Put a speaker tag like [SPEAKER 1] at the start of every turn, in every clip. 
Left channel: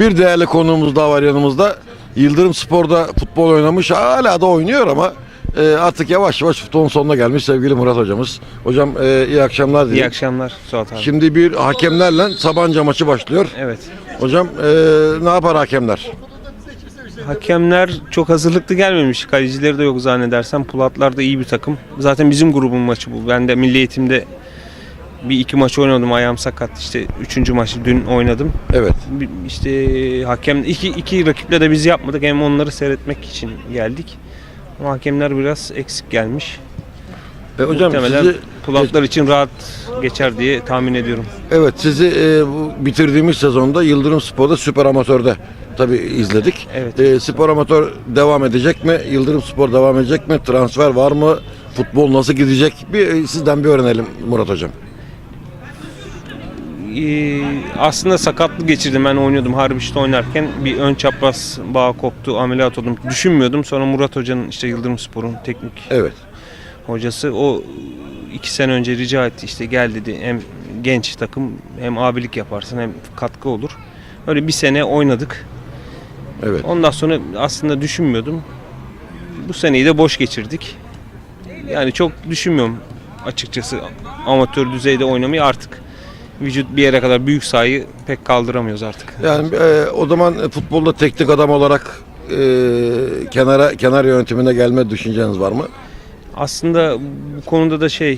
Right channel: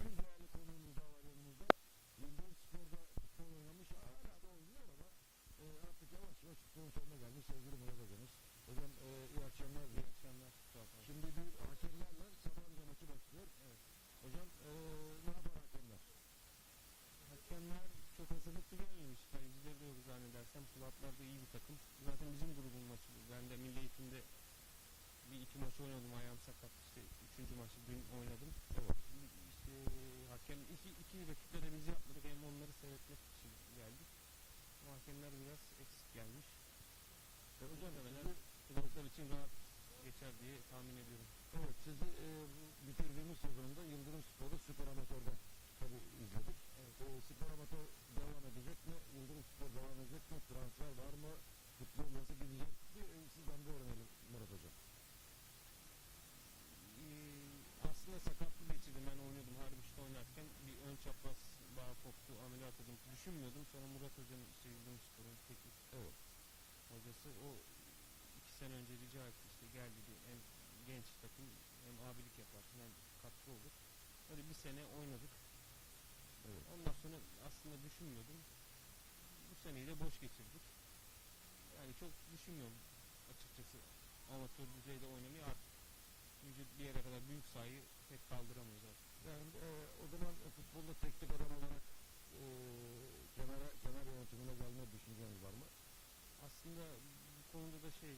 [SPEAKER 1] Bir değerli konuğumuz daha var yanımızda. Yıldırım Spor'da futbol oynamış. Hala da oynuyor ama e, artık yavaş yavaş futbolun sonuna gelmiş sevgili Murat hocamız. Hocam e, iyi akşamlar
[SPEAKER 2] İyi
[SPEAKER 1] dilerim.
[SPEAKER 2] akşamlar Suat abi.
[SPEAKER 1] Şimdi bir hakemlerle Sabancı maçı başlıyor.
[SPEAKER 2] Evet.
[SPEAKER 1] Hocam e, ne yapar hakemler?
[SPEAKER 2] Hakemler çok hazırlıklı gelmemiş. Kalecileri de yok zannedersem. Pulatlar da iyi bir takım. Zaten bizim grubun maçı bu. Ben de milli eğitimde bir iki maç oynadım. Ayağım sakat. İşte üçüncü maçı dün oynadım.
[SPEAKER 1] Evet.
[SPEAKER 2] Bir- İşte hakem iki, iki rakiple de biz yapmadık. Hem onları seyretmek için geldik. Ama hakemler biraz eksik gelmiş.
[SPEAKER 1] E, hocam
[SPEAKER 2] Muhtemelen
[SPEAKER 1] sizi
[SPEAKER 2] pulatlar için rahat geçer diye tahmin ediyorum.
[SPEAKER 1] evet sizi e, bu bitirdiğimiz sezonda Yıldırım Spor'da Süper Amatör'de tabii izledik.
[SPEAKER 2] Evet.
[SPEAKER 1] E, spor Amatör devam edecek mi? Yıldırım Spor devam edecek mi? Transfer var mı? Futbol nasıl gidecek? Bir e, sizden bir öğrenelim Murat hocam.
[SPEAKER 2] Ee, aslında sakatlık geçirdim. Ben oynuyordum Harbiş'te oynarken. Bir ön çapraz bağ koptu ameliyat oldum. Düşünmüyordum. Sonra Murat Hoca'nın işte Yıldırım Spor'un teknik
[SPEAKER 1] Evet.
[SPEAKER 2] hocası. O iki sene önce rica etti. İşte gel dedi hem genç takım hem abilik yaparsın hem katkı olur. Öyle bir sene oynadık.
[SPEAKER 1] Evet.
[SPEAKER 2] ondan sonra aslında düşünmüyordum. Bu seneyi de boş geçirdik. Yani çok düşünmüyorum açıkçası amatör düzeyde oynamayı artık vücut bir yere kadar büyük sayı pek kaldıramıyoruz artık.
[SPEAKER 1] Yani e, o zaman e, futbolda teknik adam olarak e, kenara kenar yönetimine gelme düşünceniz var mı?
[SPEAKER 2] Aslında bu konuda da şey e,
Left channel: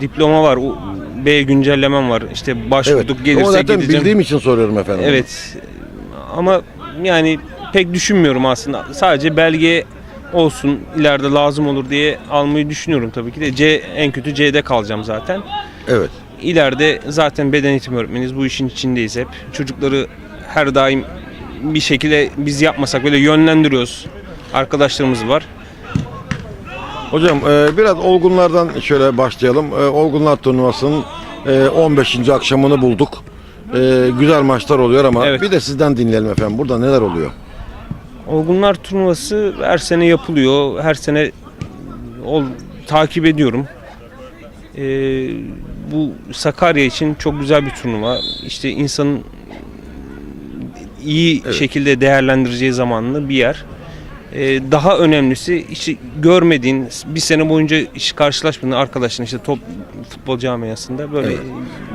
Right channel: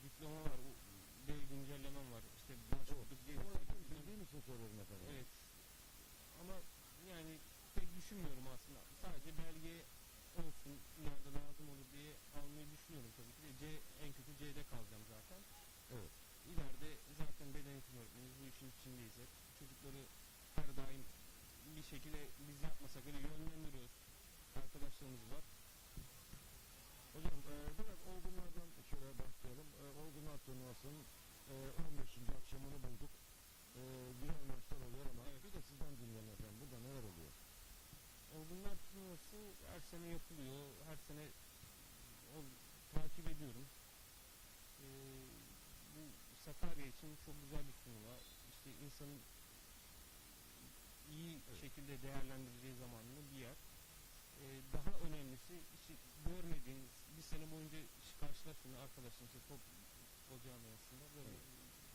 [SPEAKER 2] diploma var, o- B güncellemem var. İşte
[SPEAKER 1] Evet.
[SPEAKER 2] başvurduk
[SPEAKER 1] Ama
[SPEAKER 2] gelirse
[SPEAKER 1] zaten
[SPEAKER 2] gideceğim.
[SPEAKER 1] bildiğim için soruyorum efendim.
[SPEAKER 2] Evet. Ama yani pek düşünmüyorum aslında. Sadece belge olsun ileride lazım olur diye almayı düşünüyorum tabii ki de. C en kötü C'de kalacağım zaten.
[SPEAKER 1] Evet.
[SPEAKER 2] İleride zaten beden eğitimi öğretmeniz bu işin içindeyiz hep. Çocukları her daim bir şekilde biz yapmasak böyle yönlendiriyoruz. Arkadaşlarımız var.
[SPEAKER 1] Hocam e, biraz olgunlardan şöyle başlayalım. E, olgunlar turnuvasının e, 15. akşamını bulduk. E, güzel maçlar oluyor ama
[SPEAKER 2] Evet.
[SPEAKER 1] bir de sizden dinleyelim efendim. Burada neler oluyor?
[SPEAKER 2] Olgunlar turnuvası her sene yapılıyor. Her sene ol, takip ediyorum. Ee, bu Sakarya için çok güzel bir turnuva. İşte insanın iyi
[SPEAKER 1] Evet.
[SPEAKER 2] şekilde değerlendireceği zamanlı bir yer. Ee, daha önemlisi işte görmediğin bir sene boyunca hiç karşılaşmadığın arkadaşın işte top futbol camiasında böyle
[SPEAKER 1] Evet.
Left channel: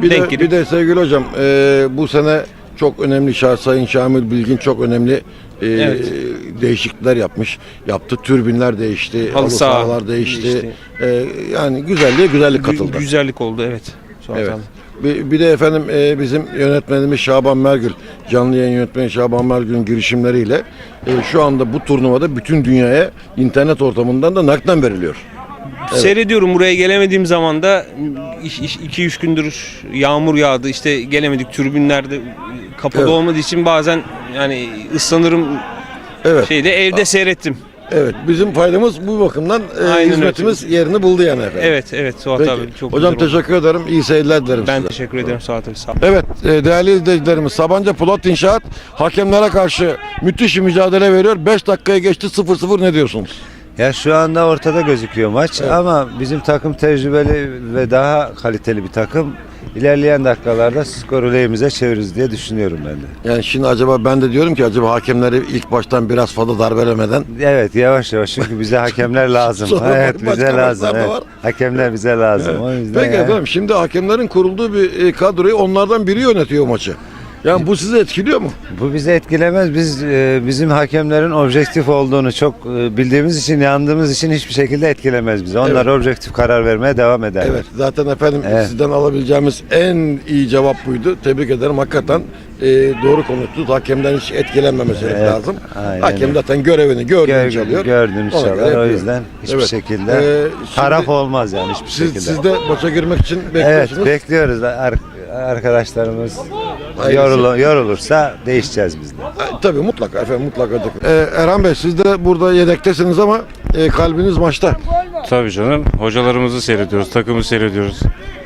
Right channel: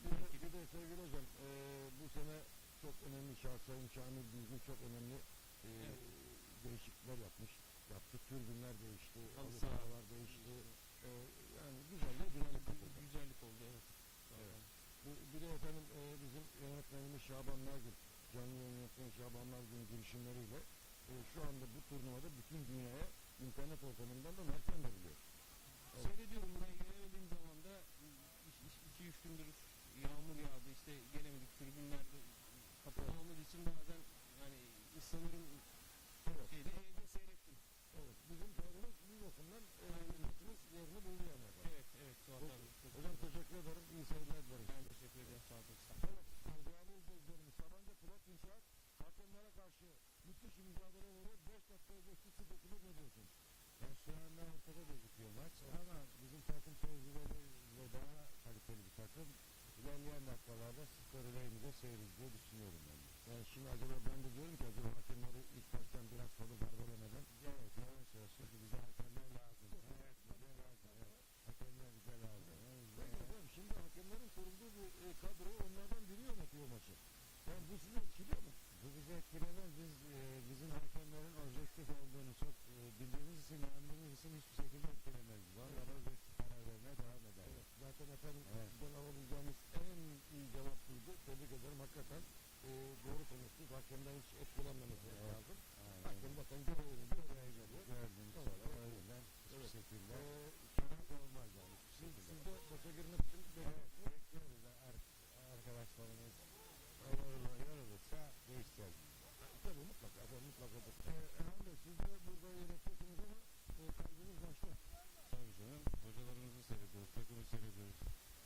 [SPEAKER 1] Bir
[SPEAKER 2] denk
[SPEAKER 1] de,
[SPEAKER 2] gelip
[SPEAKER 1] bir de sevgili hocam e, bu sene çok önemli Şah- Sayın Şamil Bilgin çok önemli e,
[SPEAKER 2] Evet.
[SPEAKER 1] değişiklikler yapmış. Yaptı. Türbinler değişti.
[SPEAKER 2] Halı
[SPEAKER 1] Halı
[SPEAKER 2] saha
[SPEAKER 1] sahalar değişti.
[SPEAKER 2] değişti.
[SPEAKER 1] E, yani güzelliğe güzellik
[SPEAKER 2] gü-
[SPEAKER 1] katıldı.
[SPEAKER 2] güzellik oldu evet. Suat
[SPEAKER 1] Evet.
[SPEAKER 2] abi.
[SPEAKER 1] Bir, bir de efendim e, bizim yönetmenimiz Şaban Mergül, canlı yayın yönetmeni Şaban Mergül'ün girişimleriyle e, şu anda bu turnuvada bütün dünyaya internet ortamından da nakden veriliyor.
[SPEAKER 2] Seyrediyorum buraya gelemediğim zaman da 2-3 gündür yağmur yağdı işte gelemedik türbinlerde kapalı
[SPEAKER 1] Evet.
[SPEAKER 2] olmadığı için bazen yani ıslanırım
[SPEAKER 1] Evet.
[SPEAKER 2] şeyde evde seyrettim.
[SPEAKER 1] Evet. Bizim faydamız bu bakımdan e,
[SPEAKER 2] Aynen öyle.
[SPEAKER 1] hizmetimiz yerini buldu yani efendim.
[SPEAKER 2] Evet evet Suat
[SPEAKER 1] Peki.
[SPEAKER 2] abi çok
[SPEAKER 1] Hocam
[SPEAKER 2] güzel oldu.
[SPEAKER 1] teşekkür ederim. İyi seyirler dilerim
[SPEAKER 2] Ben
[SPEAKER 1] size.
[SPEAKER 2] teşekkür ederim Suat abi sağ ol.
[SPEAKER 1] Evet e, değerli izleyicilerimiz Sabancı Polat İnşaat hakemlere karşı müthiş bir mücadele veriyor. 5 dakikaya geçti 0-0 ne diyorsunuz?
[SPEAKER 3] Ya şu anda ortada gözüküyor maç ama bizim takım tecrübeli ve daha kaliteli bir takım. İlerleyen dakikalarda skoru lehimize çeviririz diye düşünüyorum ben de.
[SPEAKER 1] Yani şimdi acaba ben de diyorum ki acaba hakemleri ilk baştan biraz fazla darbelemeden
[SPEAKER 3] Evet yavaş yavaş çünkü bize hakemler lazım. Evet bize lazım. evet.
[SPEAKER 1] var.
[SPEAKER 3] Hakemler bize lazım. O yüzden
[SPEAKER 1] Peki
[SPEAKER 3] yani-
[SPEAKER 1] efendim şimdi hakemlerin kurulduğu bir e, kadroyu onlardan biri yönetiyor maçı. Yani bu sizi etkiliyor mu?
[SPEAKER 3] Bu bizi etkilemez. Biz e, bizim hakemlerin objektif olduğunu çok e, bildiğimiz için, yandığımız için hiçbir şekilde etkilemez bizi. Onlar objektif karar vermeye devam ederler.
[SPEAKER 1] Evet zaten efendim
[SPEAKER 3] Evet.
[SPEAKER 1] sizden alabileceğimiz en iyi cevap buydu. Tebrik ederim hakikaten e, doğru konuştunuz. Hakemden hiç etkilenmemesi
[SPEAKER 3] Evet,
[SPEAKER 1] lazım.
[SPEAKER 3] aynen
[SPEAKER 1] Hakem zaten görevini gördüğünü
[SPEAKER 3] Gör,
[SPEAKER 1] çalıyor.
[SPEAKER 3] çalar.
[SPEAKER 1] göre
[SPEAKER 3] O yüzden hiçbir
[SPEAKER 1] Evet.
[SPEAKER 3] şekilde
[SPEAKER 1] Ee, şimdi
[SPEAKER 3] taraf olmaz yani hiçbir
[SPEAKER 1] Siz,
[SPEAKER 3] şekilde.
[SPEAKER 1] siz de maça girmek için
[SPEAKER 3] Evet
[SPEAKER 1] bekliyorsunuz.
[SPEAKER 3] bekliyoruz. Ar- arkadaşlarımız yorulu- yorulursa değişeceğiz biz de.
[SPEAKER 1] E, Tabii mutlaka efendim mutlaka. Ee, Erhan Bey siz de burada yedektesiniz ama e, kalbiniz maçta.
[SPEAKER 4] Tabii canım. Hocalarımızı seyrediyoruz, takımı seyrediyoruz.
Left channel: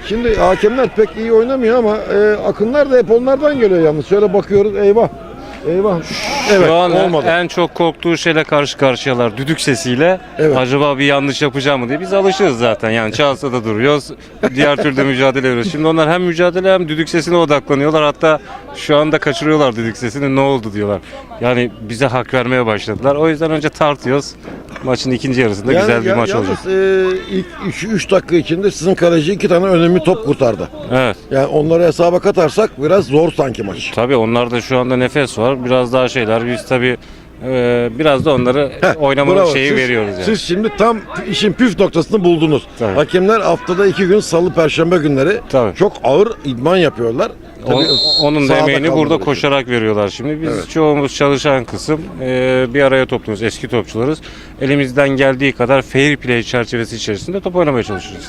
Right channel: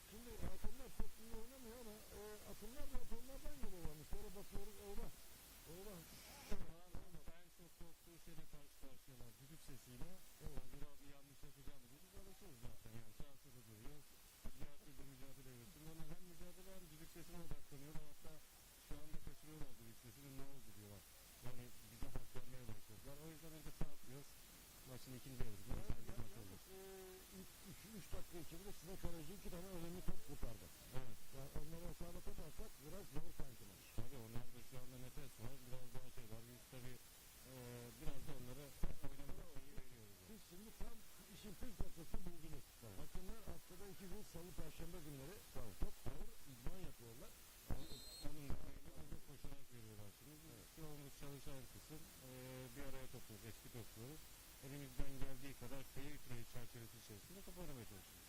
[SPEAKER 1] Şimdi hakemler pek iyi oynamıyor ama e, akınlar da hep onlardan geliyor yalnız. Şöyle bakıyoruz eyvah. Eyvah. Evet
[SPEAKER 4] Şu an
[SPEAKER 1] olmadı.
[SPEAKER 4] en çok korktuğu şeyle karşı karşıyalar. Düdük sesiyle.
[SPEAKER 1] Evet.
[SPEAKER 4] Acaba bir yanlış yapacağım mı diye. Biz alışırız zaten. Yani çalsa da duruyoruz. Diğer türlü mücadele ediyoruz. Şimdi onlar hem mücadele hem düdük sesine odaklanıyorlar. Hatta şu anda kaçırıyorlar düdük sesini. Ne oldu diyorlar. Yani bize hak vermeye başladılar. O yüzden önce tartıyoruz. Maçın ikinci yarısında
[SPEAKER 1] Yani
[SPEAKER 4] güzel bir
[SPEAKER 1] ya-
[SPEAKER 4] maç
[SPEAKER 1] yalnız,
[SPEAKER 4] olacak.
[SPEAKER 1] e, ilk 3 dakika içinde sizin kaleci iki tane önemli top kurtardı.
[SPEAKER 4] Evet.
[SPEAKER 1] Yani onları hesaba katarsak biraz zor sanki maç.
[SPEAKER 4] Tabii onlarda şu anda nefes var. Biraz daha şeyler. Biz tabii e, biraz da onları
[SPEAKER 1] Heh,
[SPEAKER 4] oynama
[SPEAKER 1] bravo.
[SPEAKER 4] şeyi
[SPEAKER 1] Siz-
[SPEAKER 4] veriyoruz yani.
[SPEAKER 1] Siz şimdi tam işin püf noktasını buldunuz.
[SPEAKER 4] Tabii.
[SPEAKER 1] Hakemler haftada iki gün salı perşembe günleri
[SPEAKER 4] Tabii.
[SPEAKER 1] çok ağır idman yapıyorlar.
[SPEAKER 4] O-
[SPEAKER 1] Tabii
[SPEAKER 4] onun da
[SPEAKER 1] sahada
[SPEAKER 4] emeğini
[SPEAKER 1] kalmaları
[SPEAKER 4] burada
[SPEAKER 1] için.
[SPEAKER 4] koşarak veriyorlar şimdi. Biz çoğumuz çalışan kısım e, bir araya topluyoruz. Eski topçularız. Elimizden geldiği kadar fair play çerçevesi içerisinde top oynamaya çalışıyoruz.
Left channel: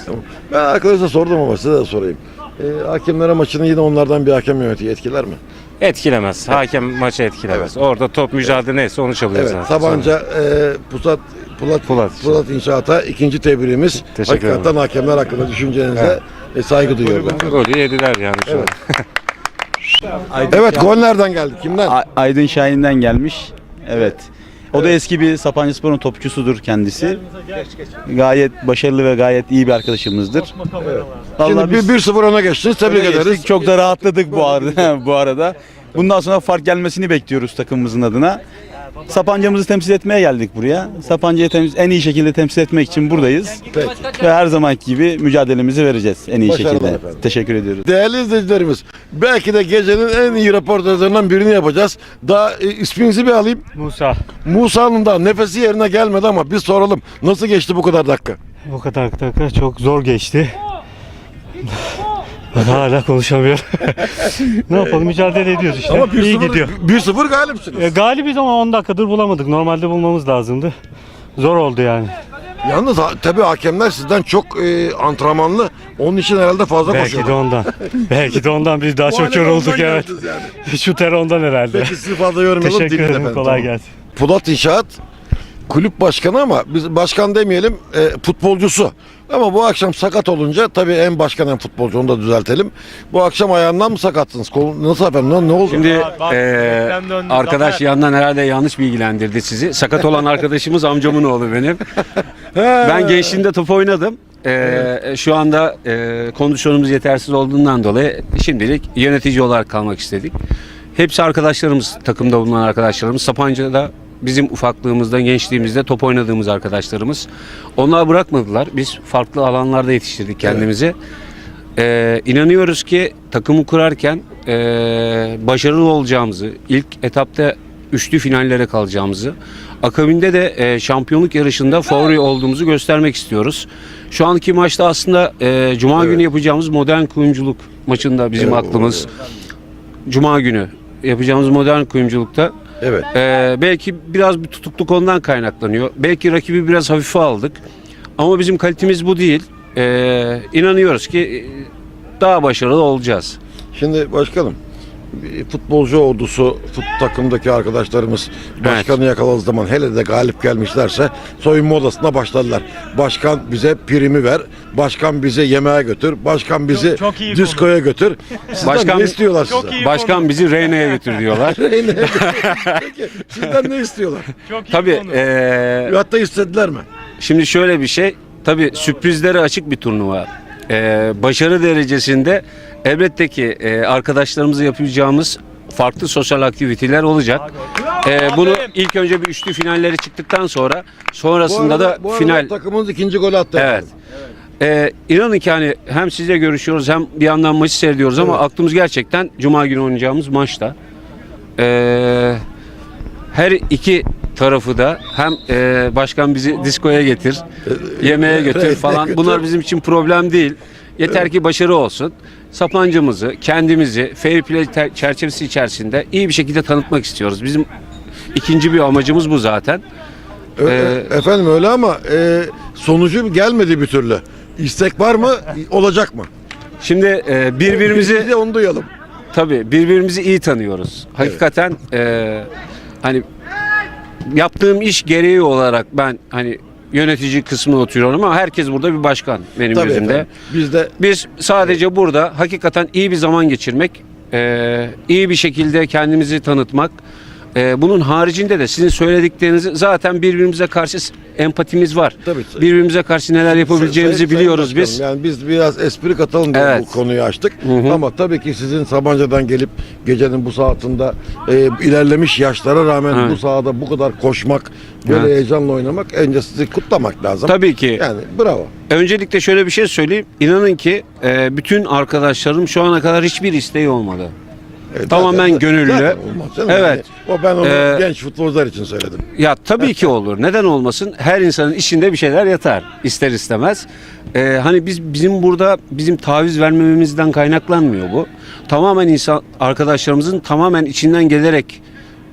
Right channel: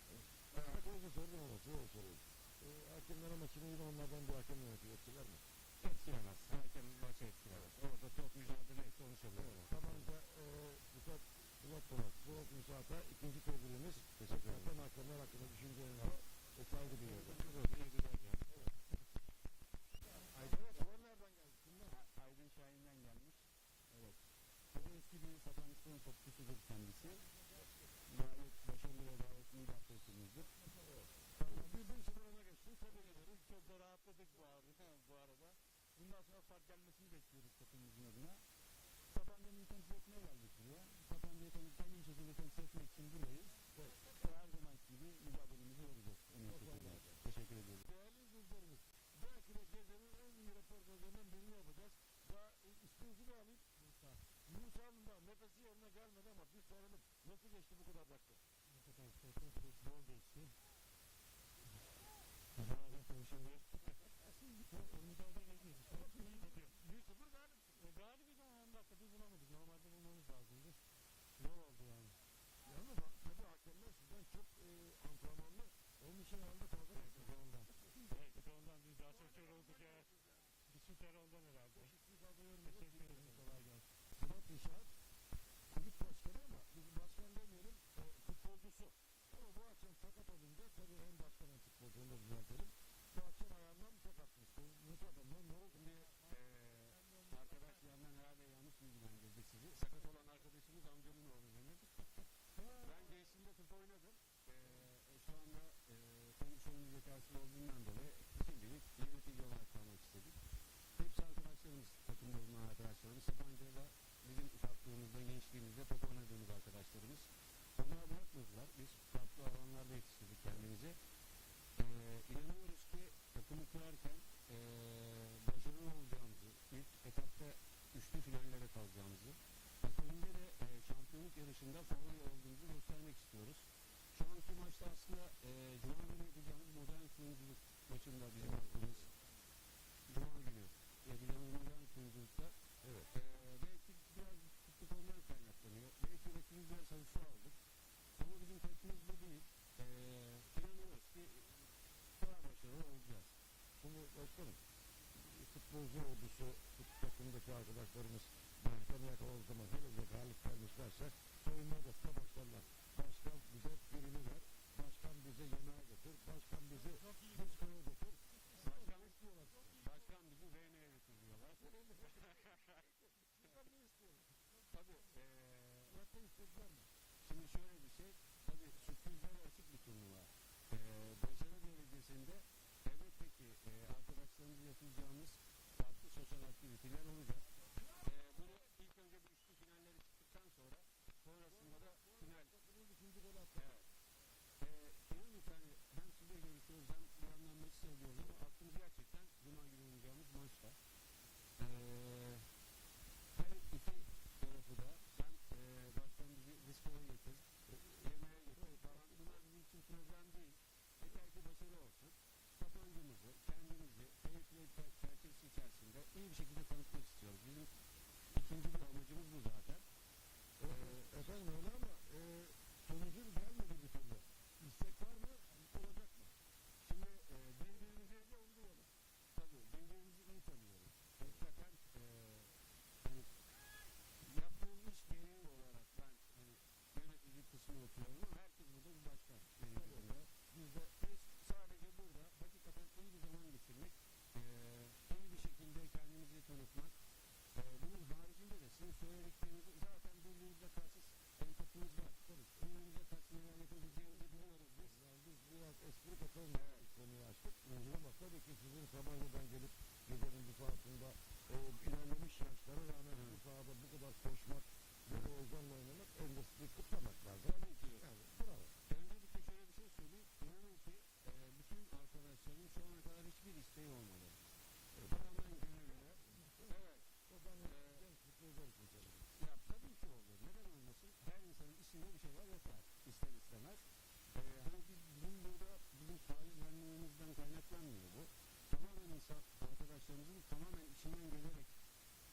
[SPEAKER 1] Ben arkadaşa sordum ama size de sorayım. E, hakemlere maçını yine onlardan bir hakem yönetiyor etkiler mi?
[SPEAKER 4] Etkilemez. Hakem maçı etkilemez. Orada top mücadele neyse onu çalıyoruz
[SPEAKER 1] Evet.
[SPEAKER 4] zaten.
[SPEAKER 1] Tabanca e, Pusat Pulat,
[SPEAKER 4] Pulat.
[SPEAKER 1] Pulat İnşaat'a ikinci tebriğimiz.
[SPEAKER 4] Teşekkür
[SPEAKER 1] Hakikaten hakemler hakkında düşüncenize e, saygı duyuyorum.
[SPEAKER 4] Sonra Golü yediler yani şu an.
[SPEAKER 1] Evet gol nereden geldi? Kimden?
[SPEAKER 5] A- Aydın Şahin'den gelmiş. Evet. O da eski bir Sapancıspor'un topçusudur kendisi. Gayet başarılı ve gayet iyi bir arkadaşımızdır. Vallahi
[SPEAKER 1] Şimdi
[SPEAKER 5] biz
[SPEAKER 1] bir 1-0 öne geçtiniz. Tebrik
[SPEAKER 5] öne
[SPEAKER 1] ederiz.
[SPEAKER 5] geçtik. Çok da rahatladık bu arada. bu arada. Bundan sonra fark gelmesini bekliyoruz takımımızın adına. Sapanca'mızı temsil etmeye geldik buraya. Sapanca'yı temiz, en iyi şekilde temsil etmek için buradayız.
[SPEAKER 1] Peki.
[SPEAKER 5] Ve her zamanki gibi mücadelemizi vereceğiz en iyi
[SPEAKER 1] Başarılar
[SPEAKER 5] şekilde.
[SPEAKER 1] efendim.
[SPEAKER 5] Teşekkür ediyoruz.
[SPEAKER 1] Değerli izleyicilerimiz, belki de gecenin en iyi röportajlarından birini yapacağız. Daha e, isminizi bir alayım.
[SPEAKER 6] Musa
[SPEAKER 1] Musa'nın da nefesi yerine gelmedi ama biz soralım. Nasıl geçti bu kadar dakika?
[SPEAKER 6] bu kadar dakika çok zor geçti. Ben hala konuşamıyorum. ne yapalım mücadele ediyoruz işte.
[SPEAKER 1] Ama
[SPEAKER 6] İyi
[SPEAKER 1] 1-0
[SPEAKER 6] gidiyor.
[SPEAKER 1] 1-0 galipsiniz.
[SPEAKER 6] E, galibiz ama 10 dakikadır bulamadık. Normalde bulmamız lazımdı. Zor oldu yani.
[SPEAKER 1] Yalnız ha, tabii hakemler sizden çok e, antrenmanlı. Onun için herhalde fazla
[SPEAKER 6] Belki de
[SPEAKER 1] koşuyorlar.
[SPEAKER 6] ondan. Belki de ondan biz daha
[SPEAKER 1] Bu
[SPEAKER 6] çok
[SPEAKER 1] hale
[SPEAKER 6] yorulduk
[SPEAKER 1] ondan
[SPEAKER 6] evet.
[SPEAKER 1] geldiniz yani.
[SPEAKER 6] Şu ter ondan herhalde.
[SPEAKER 1] Peki sizi fazla yormayalım.
[SPEAKER 6] Teşekkür
[SPEAKER 1] Dinleyin
[SPEAKER 6] ederim.
[SPEAKER 1] efendim,
[SPEAKER 6] Kolay
[SPEAKER 1] tamam.
[SPEAKER 6] gelsin.
[SPEAKER 1] Pulat İnşaat kulüp başkanı ama biz başkan demeyelim e, futbolcusu. Ama bu akşam sakat olunca tabii hem başkan hem futbolcu onu da düzeltelim. Bu akşam ayağından mı sakatsınız? Kol, nasıl efendim? Ne, ne oldu?
[SPEAKER 7] Şimdi
[SPEAKER 6] bak,
[SPEAKER 7] eee,
[SPEAKER 6] reklam döndü,
[SPEAKER 7] arkadaş
[SPEAKER 6] Zafer.
[SPEAKER 7] yandan herhalde yanlış bilgilendirdi sizi. Sakat olan arkadaşımız amcamın oğlu benim. ben gençliğimde top oynadım. Eee, Şu anda eee, kondisyonumuz yetersiz olduğundan dolayı şimdilik yönetici olarak kalmak istedik. Hepsi arkadaşlarımız, takımda bulunan arkadaşlarımız. Sapanca'da bizim ufaklığımızda, gençliğimizde top oynadığımız arkadaşlarımız. Onlar bırakmadılar. Biz farklı alanlarda yetiştirdik kendimizi. Ee, inanıyoruz ki takımı kurarken ee, başarılı olacağımızı, ilk etapta üçlü finallere kalacağımızı, akabinde de ee, şampiyonluk yarışında favori olduğumuzu göstermek istiyoruz. Şu anki maçta aslında ee, Cuma günü yapacağımız modern kuyumculuk maçında bizim
[SPEAKER 1] Evet,
[SPEAKER 7] aklımız. Cuma günü yapacağımız modern kuyumculukta
[SPEAKER 1] Evet.
[SPEAKER 7] ee, belki biraz bir tutukluk ondan kaynaklanıyor. Belki rakibi biraz hafife aldık. Ama bizim kalitemiz bu değil. Ee, inanıyoruz ki e, daha başarılı olacağız.
[SPEAKER 1] Şimdi başkanım futbolcu ordusu fut takımdaki arkadaşlarımız başkanı yakaladığı zaman hele de galip gelmişlerse soyunma odasına başladılar. Başkan bize primi ver. Başkan bize yemeğe götür. Başkan bizi
[SPEAKER 6] Çok- çok
[SPEAKER 1] diskoya götür. Sizden
[SPEAKER 7] Başkan-
[SPEAKER 1] ne istiyorlar
[SPEAKER 6] Çok
[SPEAKER 1] size?
[SPEAKER 7] Başkan bizi Reyna'ya götür diyorlar.
[SPEAKER 1] Peki sizden ne istiyorlar?
[SPEAKER 6] Çok iyi
[SPEAKER 7] Tabii
[SPEAKER 6] konu.
[SPEAKER 7] ee,
[SPEAKER 1] Hatta istediler mi?
[SPEAKER 7] şimdi şöyle bir şey. Tabii sürprizlere açık bir turnuva. Ee, başarı derecesinde elbette ki ee, arkadaşlarımızla yapacağımız farklı sosyal aktiviteler olacak. Ee, bunu ilk önce bir üçlü finallere çıktıktan sonra sonrasında
[SPEAKER 1] arada-
[SPEAKER 7] da
[SPEAKER 1] bu arada
[SPEAKER 7] final
[SPEAKER 1] takımımız ikinci golü attı.
[SPEAKER 7] Evet. Ee, inanın ki hani hem sizle görüşüyoruz hem bir yandan maçı seyrediyoruz ama aklımız gerçekten Cuma günü oynayacağımız maçta. Ee, her iki tarafı da hem e, başkan bizi diskoya getir, yemeğe götür
[SPEAKER 1] Reyna'ya
[SPEAKER 7] falan
[SPEAKER 1] götür.
[SPEAKER 7] bunlar bizim için problem değil. Yeter ki başarı olsun. Sapancamızı, kendimizi fair play çerçevesi içerisinde iyi bir şekilde tanıtmak istiyoruz. Bizim ikinci bir amacımız bu zaten. Ee,
[SPEAKER 1] Efendim öyle ama e, sonucu gelmedi bir türlü. İstek var mı? Olacak mı?
[SPEAKER 7] Şimdi e, birbirimizi
[SPEAKER 1] Biz de onu duyalım.
[SPEAKER 7] Tabii birbirimizi iyi tanıyoruz. Hakikaten eee, hani yaptığım iş gereği olarak ben hani yönetici kısmına oturuyorum ama herkes burada bir başkan benim
[SPEAKER 1] Tabii
[SPEAKER 7] gözümde.
[SPEAKER 1] efendim. Biz de
[SPEAKER 7] Biz sadece burada hakikaten iyi bir zaman geçirmek, eee, iyi bir şekilde kendimizi tanıtmak, E, bunun haricinde de sizin söylediklerinizi zaten birbirimize karşı empatimiz var.
[SPEAKER 1] Tabii.
[SPEAKER 7] Birbirimize karşı neler yapabileceğimizi
[SPEAKER 1] Sayın- Sayın
[SPEAKER 7] biliyoruz
[SPEAKER 1] Başkanım,
[SPEAKER 7] biz.
[SPEAKER 1] Yani biz biraz espri katalım diye
[SPEAKER 7] Evet.
[SPEAKER 1] bu konuyu açtık.
[SPEAKER 7] hı.
[SPEAKER 1] Ama tabii ki sizin Sabancı'dan gelip gecenin bu saatinde e, ilerlemiş yaşlara rağmen
[SPEAKER 7] Evet.
[SPEAKER 1] bu sahada bu kadar koşmak, böyle
[SPEAKER 7] Evet.
[SPEAKER 1] heyecanla oynamak önce sizi kutlamak lazım.
[SPEAKER 7] Tabii ki.
[SPEAKER 1] Yani bravo.
[SPEAKER 7] Öncelikle şöyle bir şey söyleyeyim. İnanın ki e, bütün arkadaşlarım şu ana kadar hiçbir isteği olmadı.
[SPEAKER 1] Evet,
[SPEAKER 7] Tamamen
[SPEAKER 1] zaten-
[SPEAKER 7] gönüllü.
[SPEAKER 1] zaten olmaz canım.
[SPEAKER 7] Evet.
[SPEAKER 1] Yani o ben onu
[SPEAKER 7] Ee,
[SPEAKER 1] genç futbolcular için söyledim.
[SPEAKER 7] Ya tabii ki olur. Neden olmasın? Her insanın içinde bir şeyler yatar ister istemez. Ee, hani biz bizim burada bizim taviz vermememizden kaynaklanmıyor bu. Tamamen insan arkadaşlarımızın tamamen içinden gelerek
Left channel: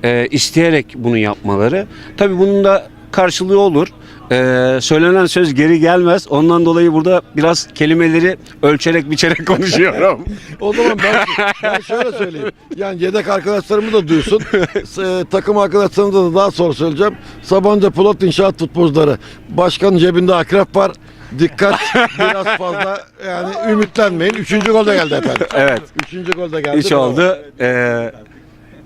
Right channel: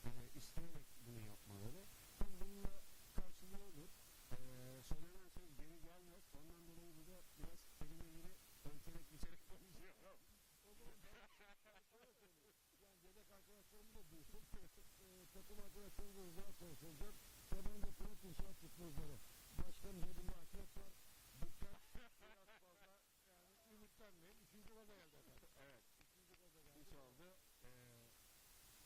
[SPEAKER 7] e, isteyerek bunu yapmaları. Tabii bunun da karşılığı olur. Ee, söylenen söz geri gelmez. Ondan dolayı burada biraz kelimeleri ölçerek biçerek konuşuyorum.
[SPEAKER 1] O zaman ben, ben şöyle söyleyeyim. Yani yedek arkadaşlarımı da duysun. S- takım arkadaşlarımıza da daha sonra söyleyeceğim. Sabancı Polat İnşaat futbolcuları. Başkanın cebinde akrep var. Dikkat biraz fazla yani ümitlenmeyin. Üçüncü gol de geldi efendim.
[SPEAKER 7] evet.
[SPEAKER 1] Üçüncü gol de geldi. Bravo.
[SPEAKER 7] oldu. Ee,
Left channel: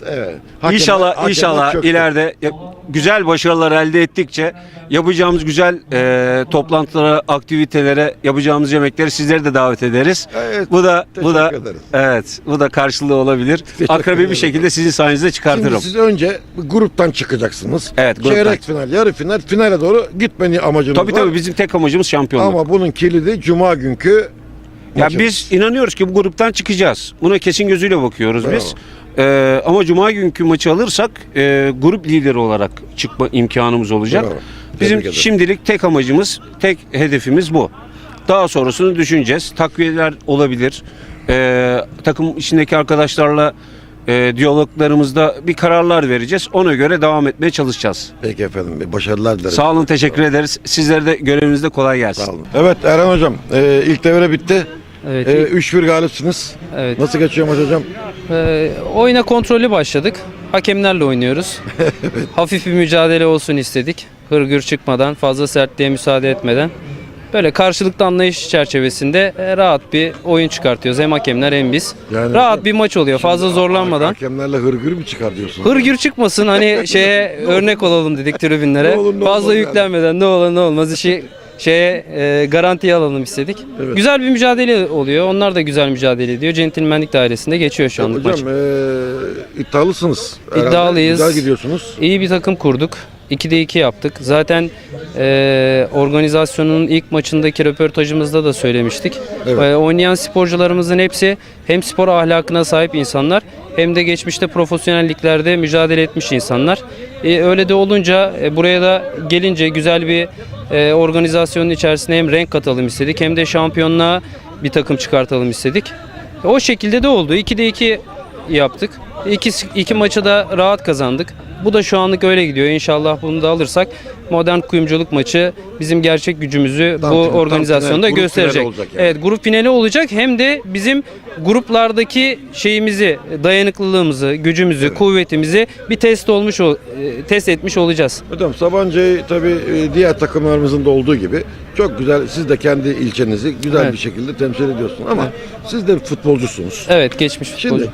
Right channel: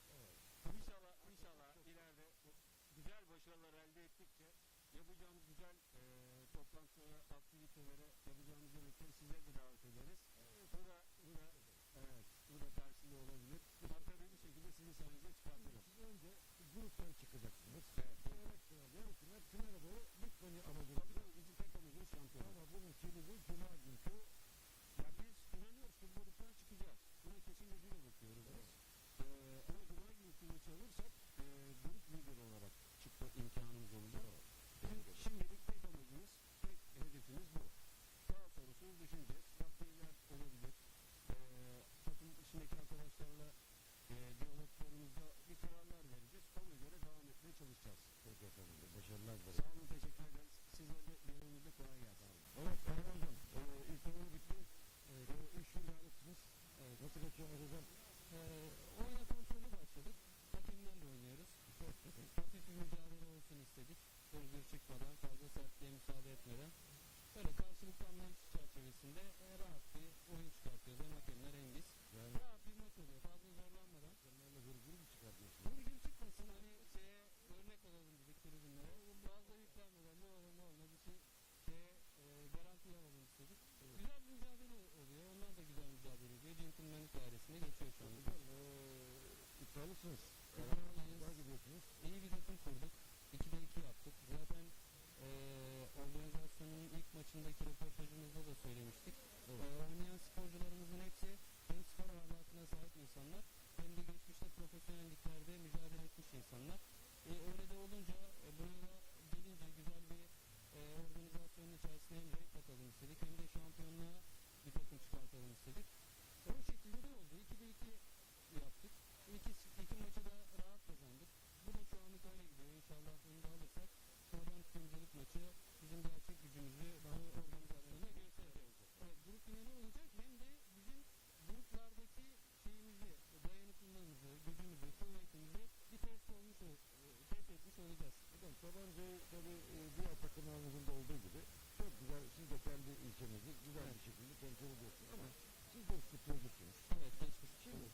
[SPEAKER 1] Evet. Hakemler-
[SPEAKER 7] İnşallah
[SPEAKER 1] hakemler
[SPEAKER 7] inşallah
[SPEAKER 1] çöktü.
[SPEAKER 7] ileride ya- güzel başarılar elde ettikçe yapacağımız güzel e, toplantılara, aktivitelere, yapacağımız yemekleri sizleri de davet ederiz.
[SPEAKER 1] Evet,
[SPEAKER 7] bu da bu da
[SPEAKER 1] teşekkür ederiz.
[SPEAKER 7] evet, bu da karşılığı olabilir.
[SPEAKER 1] Ederim.
[SPEAKER 7] bir şekilde sizin sayenizde çıkartırım.
[SPEAKER 1] Şimdi siz önce gruptan çıkacaksınız.
[SPEAKER 7] Evet, gruptan.
[SPEAKER 1] Çeyrek final, yarı final, finale doğru gitmeni amacınız
[SPEAKER 7] tabii
[SPEAKER 1] var.
[SPEAKER 7] tabii bizim tek amacımız şampiyonluk.
[SPEAKER 1] Ama bunun kilidi cuma günkü
[SPEAKER 7] ya
[SPEAKER 1] maçımız.
[SPEAKER 7] biz inanıyoruz ki bu gruptan çıkacağız. Buna kesin gözüyle bakıyoruz biz. Ee, ama cuma günkü maçı alırsak e, grup lideri olarak çıkma imkanımız olacak.
[SPEAKER 1] Bravo.
[SPEAKER 7] Bizim
[SPEAKER 1] Tebrik ederim.
[SPEAKER 7] şimdilik tek amacımız, tek hedefimiz bu. Daha sonrasını düşüneceğiz. Takviyeler olabilir. Ee, takım içindeki arkadaşlarla e, diyaloglarımızda bir kararlar vereceğiz. Ona göre devam etmeye çalışacağız.
[SPEAKER 1] Peki efendim. Başarılar dilerim.
[SPEAKER 7] Sağ olun, teşekkür ederiz. Sizlere de görevinizde kolay gelsin.
[SPEAKER 1] Sağ olun. Evet Erhan hocam e, ilk devre bitti.
[SPEAKER 8] Evet.
[SPEAKER 1] E, 3-1 galipsiniz.
[SPEAKER 8] evet.
[SPEAKER 1] Nasıl geçiyor maç hocam?
[SPEAKER 8] Ee, oyuna kontrollü başladık. Hakemlerle oynuyoruz. Hafif bir mücadele olsun istedik. Hırgür çıkmadan, fazla sertliğe müsaade etmeden. Böyle karşılıklı anlayış çerçevesinde e, rahat bir oyun çıkartıyoruz. Hem hakemler hem biz.
[SPEAKER 1] Yani-
[SPEAKER 8] rahat bir maç oluyor. Fazla zorlanmadan.
[SPEAKER 1] Hakemlerle hırgür mü çıkar diyorsun?
[SPEAKER 8] Hırgür çıkmasın hani şeye örnek olalım dedik tribünlere.
[SPEAKER 1] Ne olur ne
[SPEAKER 8] Fazla
[SPEAKER 1] olmaz yani.
[SPEAKER 8] yüklenmeden ne olur ne olmaz işi şeye e, garantiye alalım istedik.
[SPEAKER 1] Evet.
[SPEAKER 8] Güzel bir mücadele oluyor. Onlar da güzel mücadele ediyor. Centilmenlik dairesinde geçiyor şu anlık maç.
[SPEAKER 1] Hocam e, iddialısınız. herhalde.
[SPEAKER 8] İddialıyız.
[SPEAKER 1] Güzel gidiyorsunuz.
[SPEAKER 8] İyi bir takım kurduk. 2'de 2 yaptık. Zaten e, organizasyonun ilk maçındaki röportajımızda da söylemiştik.
[SPEAKER 1] Evet.
[SPEAKER 8] E, oynayan sporcularımızın hepsi hem spor ahlakına sahip insanlar hem de geçmişte profesyonelliklerde mücadele etmiş insanlar. E, öyle de olunca e, buraya da gelince güzel bir e, organizasyonun içerisine hem renk katalım istedik hem de şampiyonluğa bir takım çıkartalım istedik. E, o şekilde de oldu. 2'de 2 yaptık. İki, iki maçı da rahat kazandık. Bu da şu anlık öyle gidiyor. İnşallah bunu da alırsak modern kuyumculuk maçı bizim gerçek gücümüzü
[SPEAKER 1] Tam
[SPEAKER 8] bu
[SPEAKER 1] final,
[SPEAKER 8] organizasyonda
[SPEAKER 1] final,
[SPEAKER 8] gösterecek.
[SPEAKER 1] olacak yani.
[SPEAKER 8] Evet, grup finali olacak hem de bizim gruplardaki şeyimizi, dayanıklılığımızı, gücümüzü, kuvvetimizi bir test olmuş ol- e, test etmiş olacağız.
[SPEAKER 1] Hocam Sabancı'yı tabii e, diğer takımlarımızın da olduğu gibi çok güzel siz de kendi ilçenizi güzel
[SPEAKER 8] Evet.
[SPEAKER 1] bir şekilde temsil ediyorsunuz ama siz de futbolcusunuz.
[SPEAKER 8] Evet, geçmiş futbolcu.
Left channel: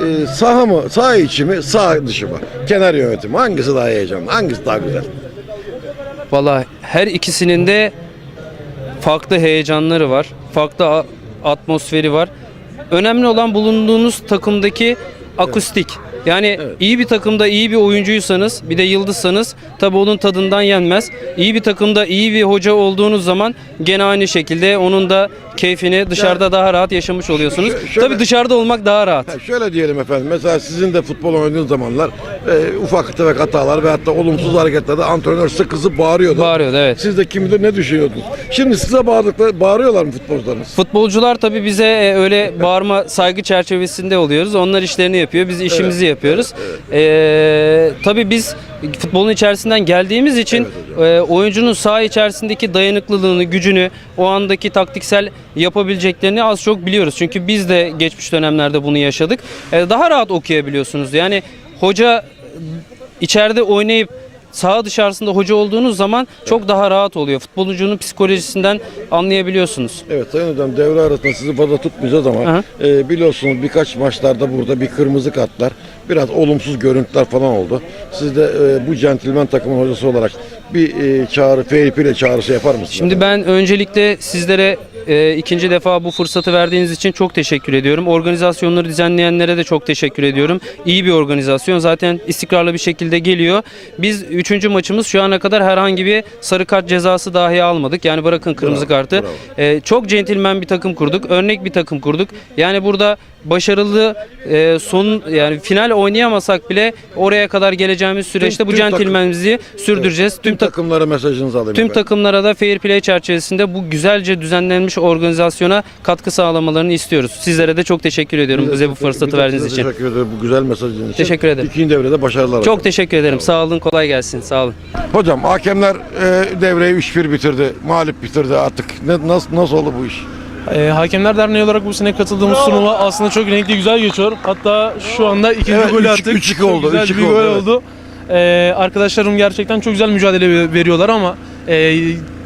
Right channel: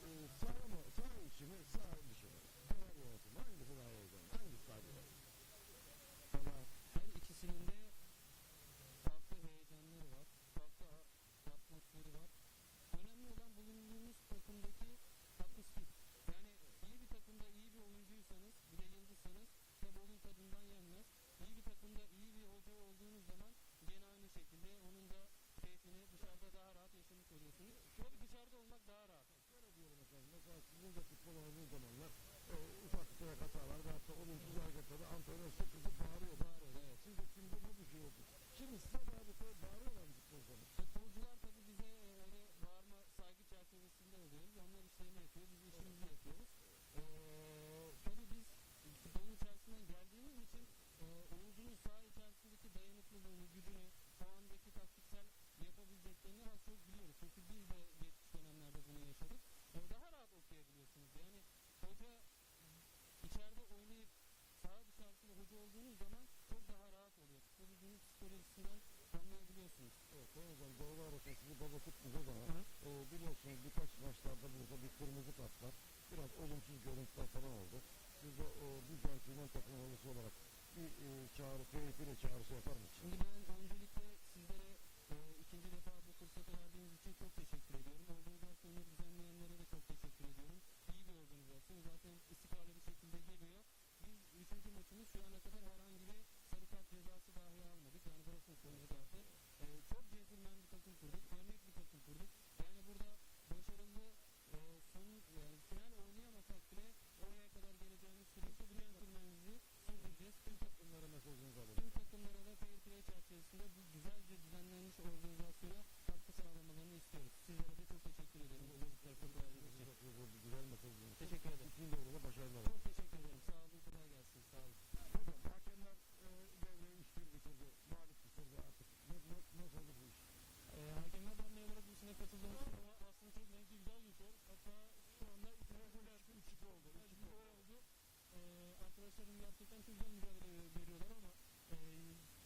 [SPEAKER 1] Şimdi e, saha mı, saha içi mi, saha dışı mı? Kenar yönetimi hangisi daha heyecanlı, hangisi daha güzel?
[SPEAKER 8] Valla her ikisinin de farklı heyecanları var. Farklı atmosferi var. Önemli olan bulunduğunuz takımdaki akustik. Yani iyi bir takımda iyi bir oyuncuysanız bir de yıldızsanız tabi onun tadından yenmez. İyi bir takımda iyi bir hoca olduğunuz zaman gene aynı şekilde onun da keyfini dışarıda daha rahat yaşamış oluyorsunuz.
[SPEAKER 1] Şö- şöyle-
[SPEAKER 8] Tabi dışarıda olmak daha rahat.
[SPEAKER 1] Ha, şöyle diyelim efendim, mesela sizin de futbol oynadığınız zamanlar e, ufak tefek hatalar ve hatta olumsuz hareketlerde antrenör sık kızıp bağırıyordu.
[SPEAKER 8] Bağırıyordu evet.
[SPEAKER 1] Siz de kim bilir ne düşünüyordunuz? Şimdi size bağırdıkları, bağırıyorlar mı futbolcularınız?
[SPEAKER 8] Futbolcular tabii bize e, öyle bağırma saygı çerçevesinde oluyoruz. Onlar işlerini yapıyor, biz işimizi yapıyoruz. Ee, tabii biz futbolun içerisinden geldiğimiz için e, oyuncunun saha içerisindeki dayanıklılığını, gücünü, o andaki taktiksel yapabileceklerini az çok biliyoruz. Çünkü biz de geçmiş dönemlerde bunu yaşadık. E, daha rahat okuyabiliyorsunuz. Yani hoca içeride oynayıp saha dışarısında hoca olduğunuz zaman çok daha rahat oluyor. Futbolcunun psikolojisinden anlayabiliyorsunuz.
[SPEAKER 1] Evet Sayın Hocam devre arasında sizi fazla tutmayacağız ama
[SPEAKER 8] Aha.
[SPEAKER 1] e, biliyorsunuz birkaç maçlarda burada bir kırmızı kartlar, biraz olumsuz görüntüler falan oldu. Siz de e, bu centilmen takımın hocası olarak bir e, çağrı, fair play çağrısı yapar mısınız?
[SPEAKER 8] Şimdi ben öncelikle sizlere e, ikinci defa bu fırsatı verdiğiniz için çok teşekkür ediyorum. Organizasyonları düzenleyenlere de çok teşekkür ediyorum. İyi bir organizasyon zaten istikrarlı bir şekilde geliyor. Biz üçüncü maçımız şu ana kadar herhangi bir sarı kart cezası dahi almadık. Yani bırakın kırmızı
[SPEAKER 1] Bravo,
[SPEAKER 8] kartı.
[SPEAKER 1] bravo.
[SPEAKER 8] E, çok centilmen bir takım kurduk. Örnek bir takım kurduk. Yani burada başarılı e, son yani final oynayamasak bile oraya kadar geleceğimiz süreçte bu
[SPEAKER 1] tüm takım-
[SPEAKER 8] centilmenimizi sürdüreceğiz.
[SPEAKER 1] Tüm
[SPEAKER 8] Tüm takım
[SPEAKER 1] takımlara mesajınızı alayım.
[SPEAKER 8] Tüm
[SPEAKER 1] efendim.
[SPEAKER 8] takımlara da fair play çerçevesinde bu güzelce düzenlenmiş organizasyona katkı sağlamalarını istiyoruz. Sizlere de çok teşekkür ediyorum bize bu fırsatı verdiğiniz için.
[SPEAKER 1] Teşekkür ederim bu güzel mesajınız için.
[SPEAKER 8] Teşekkür ederim.
[SPEAKER 1] İkinci devrede başarılar.
[SPEAKER 8] Çok teşekkür ederim. Sağ olun, kolay gelsin. Sağ olun.
[SPEAKER 1] Hocam hakemler e, devreyi 3-1 bitirdi. Mağlup bitirdi artık. Ne, nasıl, nasıl oldu bu iş?
[SPEAKER 9] Ee, Hakemler Derneği olarak bu sene katıldığımız turnuva aslında çok renkli güzel geçiyor. Hatta şu anda ikinci
[SPEAKER 1] Evet,
[SPEAKER 9] golü
[SPEAKER 1] üç-
[SPEAKER 9] attık.
[SPEAKER 1] üç iki
[SPEAKER 9] Çok
[SPEAKER 1] oldu,
[SPEAKER 9] Güzel
[SPEAKER 1] üç iki
[SPEAKER 9] bir
[SPEAKER 1] oldu,
[SPEAKER 9] gol
[SPEAKER 1] evet.
[SPEAKER 9] oldu. Ee, arkadaşlarım gerçekten çok güzel mücadele veriyorlar ama e,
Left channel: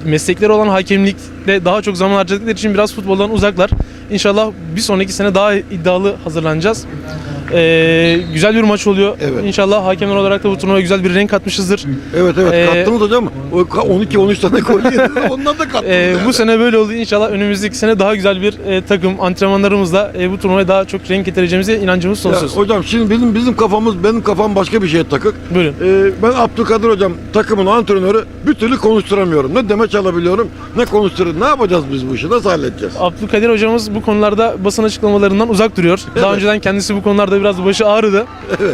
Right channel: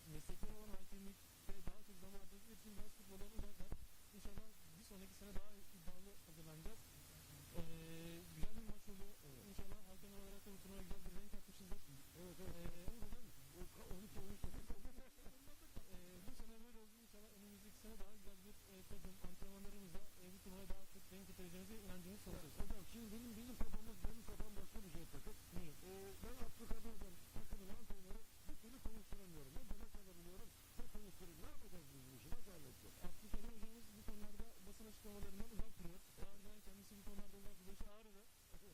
[SPEAKER 9] meslekleri olan hakemlikle daha çok zaman harcadıkları için biraz futboldan uzaklar. İnşallah bir sonraki sene daha iddialı hazırlanacağız. Ee, güzel bir maç oluyor.
[SPEAKER 1] Evet.
[SPEAKER 9] İnşallah hakemler olarak da bu turnuvaya güzel bir renk katmışızdır.
[SPEAKER 1] Evet evet
[SPEAKER 9] Ee,
[SPEAKER 1] kattınız hocam. O ka- 12-13 tane gol yedi. Ondan da kattınız.
[SPEAKER 9] Ee,
[SPEAKER 1] yani.
[SPEAKER 9] Bu sene böyle oldu. İnşallah önümüzdeki sene daha güzel bir e, takım antrenmanlarımızla e, bu turnuvaya daha çok renk getireceğimize inancımız
[SPEAKER 1] Ya
[SPEAKER 9] sonsuz.
[SPEAKER 1] hocam şimdi bizim bizim kafamız benim kafam başka bir şeye takık.
[SPEAKER 9] Buyurun.
[SPEAKER 1] Ee, ben Abdülkadir hocam takımın antrenörü bir türlü konuşturamıyorum. Ne demeç alabiliyorum ne konuşturuyorum. Ne yapacağız biz bu işi? Nasıl halledeceğiz?
[SPEAKER 9] Abdülkadir hocamız bu konularda basın açıklamalarından uzak duruyor. Daha
[SPEAKER 1] Evet.
[SPEAKER 9] önceden kendisi bu konularda biraz başı ağrıdı.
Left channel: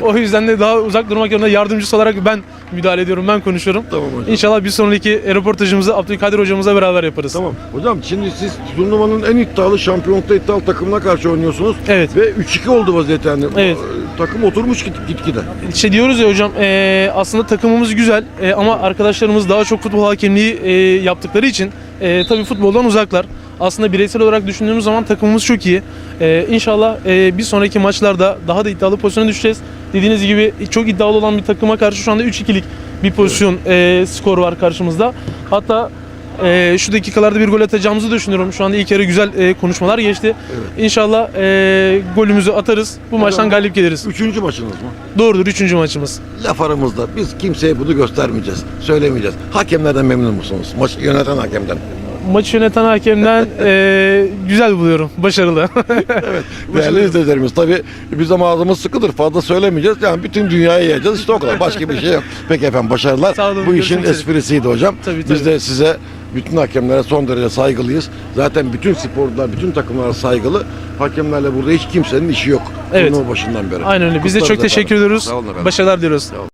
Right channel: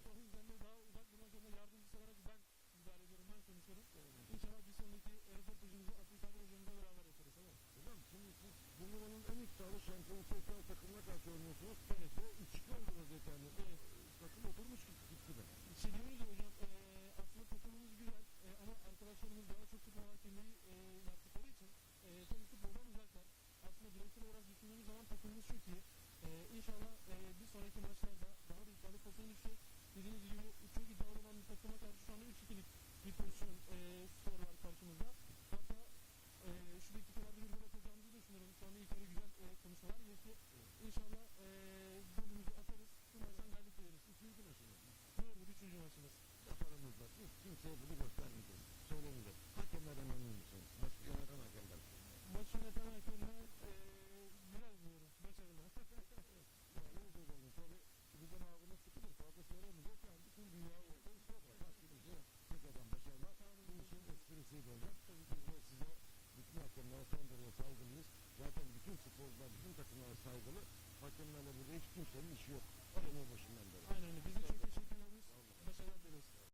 [SPEAKER 9] O yüzden de daha uzak durmak yerine yardımcısı olarak ben müdahale ediyorum, ben konuşuyorum.
[SPEAKER 1] Tamam hocam.
[SPEAKER 9] İnşallah bir sonraki röportajımızı Abdülkadir hocamızla beraber yaparız.
[SPEAKER 1] Tamam. Hocam şimdi siz turnuvanın en iddialı şampiyonlukta iddialı takımına karşı oynuyorsunuz.
[SPEAKER 9] Evet.
[SPEAKER 1] Ve 3-2 oldu vaziyet yani.
[SPEAKER 9] Evet.
[SPEAKER 1] Takım oturmuş git gitgide.
[SPEAKER 9] İşte diyoruz ya hocam e, aslında takımımız güzel e, ama arkadaşlarımız daha çok futbol hakemliği e, yaptıkları için e, tabii futboldan uzaklar. Aslında bireysel olarak düşündüğümüz zaman takımımız çok iyi. E, inşallah e, bir sonraki maçlarda daha da iddialı pozisyona düşeceğiz. Dediğiniz gibi çok iddialı olan bir takıma karşı şu anda 3-2'lik bir pozisyon e, skor var karşımızda. Hatta e, şu dakikalarda bir gol atacağımızı düşünüyorum. Şu anda ilk yarı güzel e, konuşmalar geçti. İnşallah e, golümüzü atarız. Bu maçtan galip geliriz.
[SPEAKER 1] Üçüncü maçınız mı?
[SPEAKER 9] Doğrudur 3. maçımız.
[SPEAKER 1] Laf aramızda biz kimseye bunu göstermeyeceğiz. Söylemeyeceğiz. Hakemlerden memnun musunuz? Maçı yöneten hakemden.
[SPEAKER 9] Maçı yöneten hakemden eee, güzel buluyorum. Başarılı.
[SPEAKER 1] Değerli izleyicilerimiz tabii bizim ağzımız sıkıdır. Fazla söylemeyeceğiz. Yani bütün dünyaya yayacağız. İşte o kadar. Başka bir şey yok. Peki efendim başarılar.
[SPEAKER 9] Sağ olun,
[SPEAKER 1] Bu işin
[SPEAKER 9] üzere.
[SPEAKER 1] esprisiydi hocam.
[SPEAKER 9] Tabii,
[SPEAKER 1] Biz
[SPEAKER 9] tabii.
[SPEAKER 1] de size bütün hakemlere son derece saygılıyız. Zaten bütün sporcular, bütün takımlara saygılı. Hakemlerle burada hiç kimsenin işi yok.
[SPEAKER 9] Evet.
[SPEAKER 1] Turnuva başından beri.
[SPEAKER 9] Aynen öyle. Biz de
[SPEAKER 1] Kutlarız
[SPEAKER 9] çok teşekkür
[SPEAKER 1] efendim.
[SPEAKER 9] ediyoruz.
[SPEAKER 1] Sağ olun efendim.
[SPEAKER 9] Başarılar diliyoruz.
[SPEAKER 1] Sağ olun.